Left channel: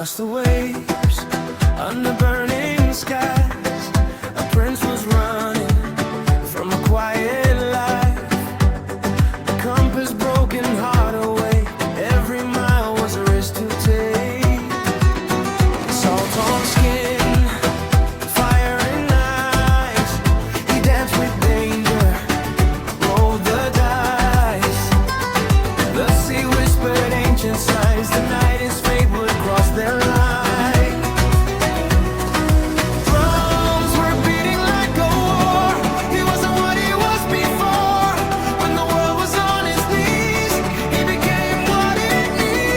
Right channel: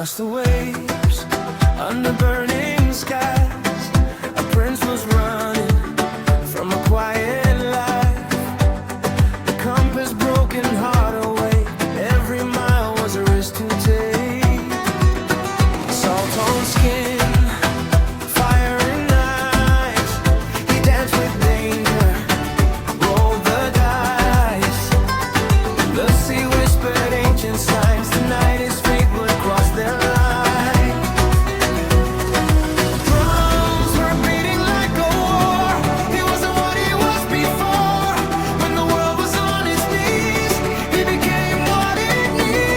Across the waves, under burning skies, a prince was running from a quiet life. The compass broken, heart away, every mile was a risk to take. Salt on skin, fire and ice, he danced with danger, rolled the dice. The sea whispered ancient signs, the night his fate would cross their line. Drums were beating like a war, he wasn't what he was before. When the world was on its knees, he became what it needs.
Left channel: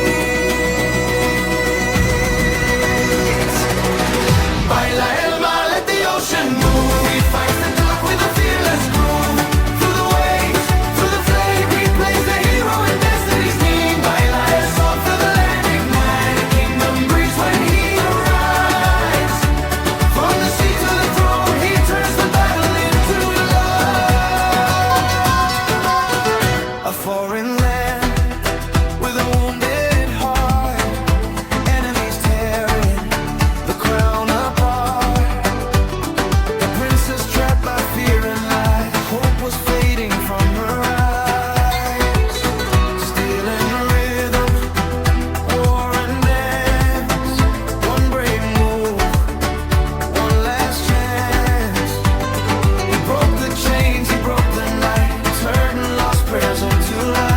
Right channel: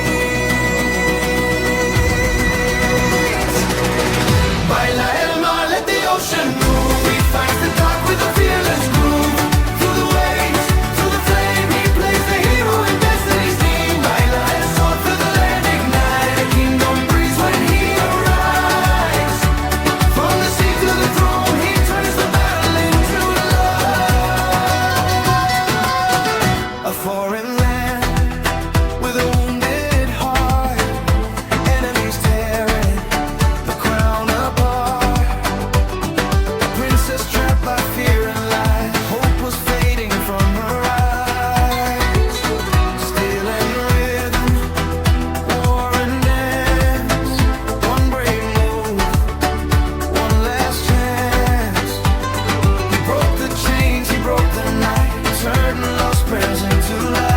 Baila el mar, let the ocean move, he fights the dark with a fearless groove. Through the waves, through the flame, he plays the hero in destiny's team. Baila el sol, through the land ignite, a kingdom breeze when he arrives. From the sea to the throne, he turns the battle into love. A foreign land with a wounded heart, enemies tearing the crown apart. A princess trapped by fear and lies, hope was fading from her eyes. Steel and rhythm, war and dance, one brave move, one last chance. He broke the chains, he broke the night, turned lost prayers into life.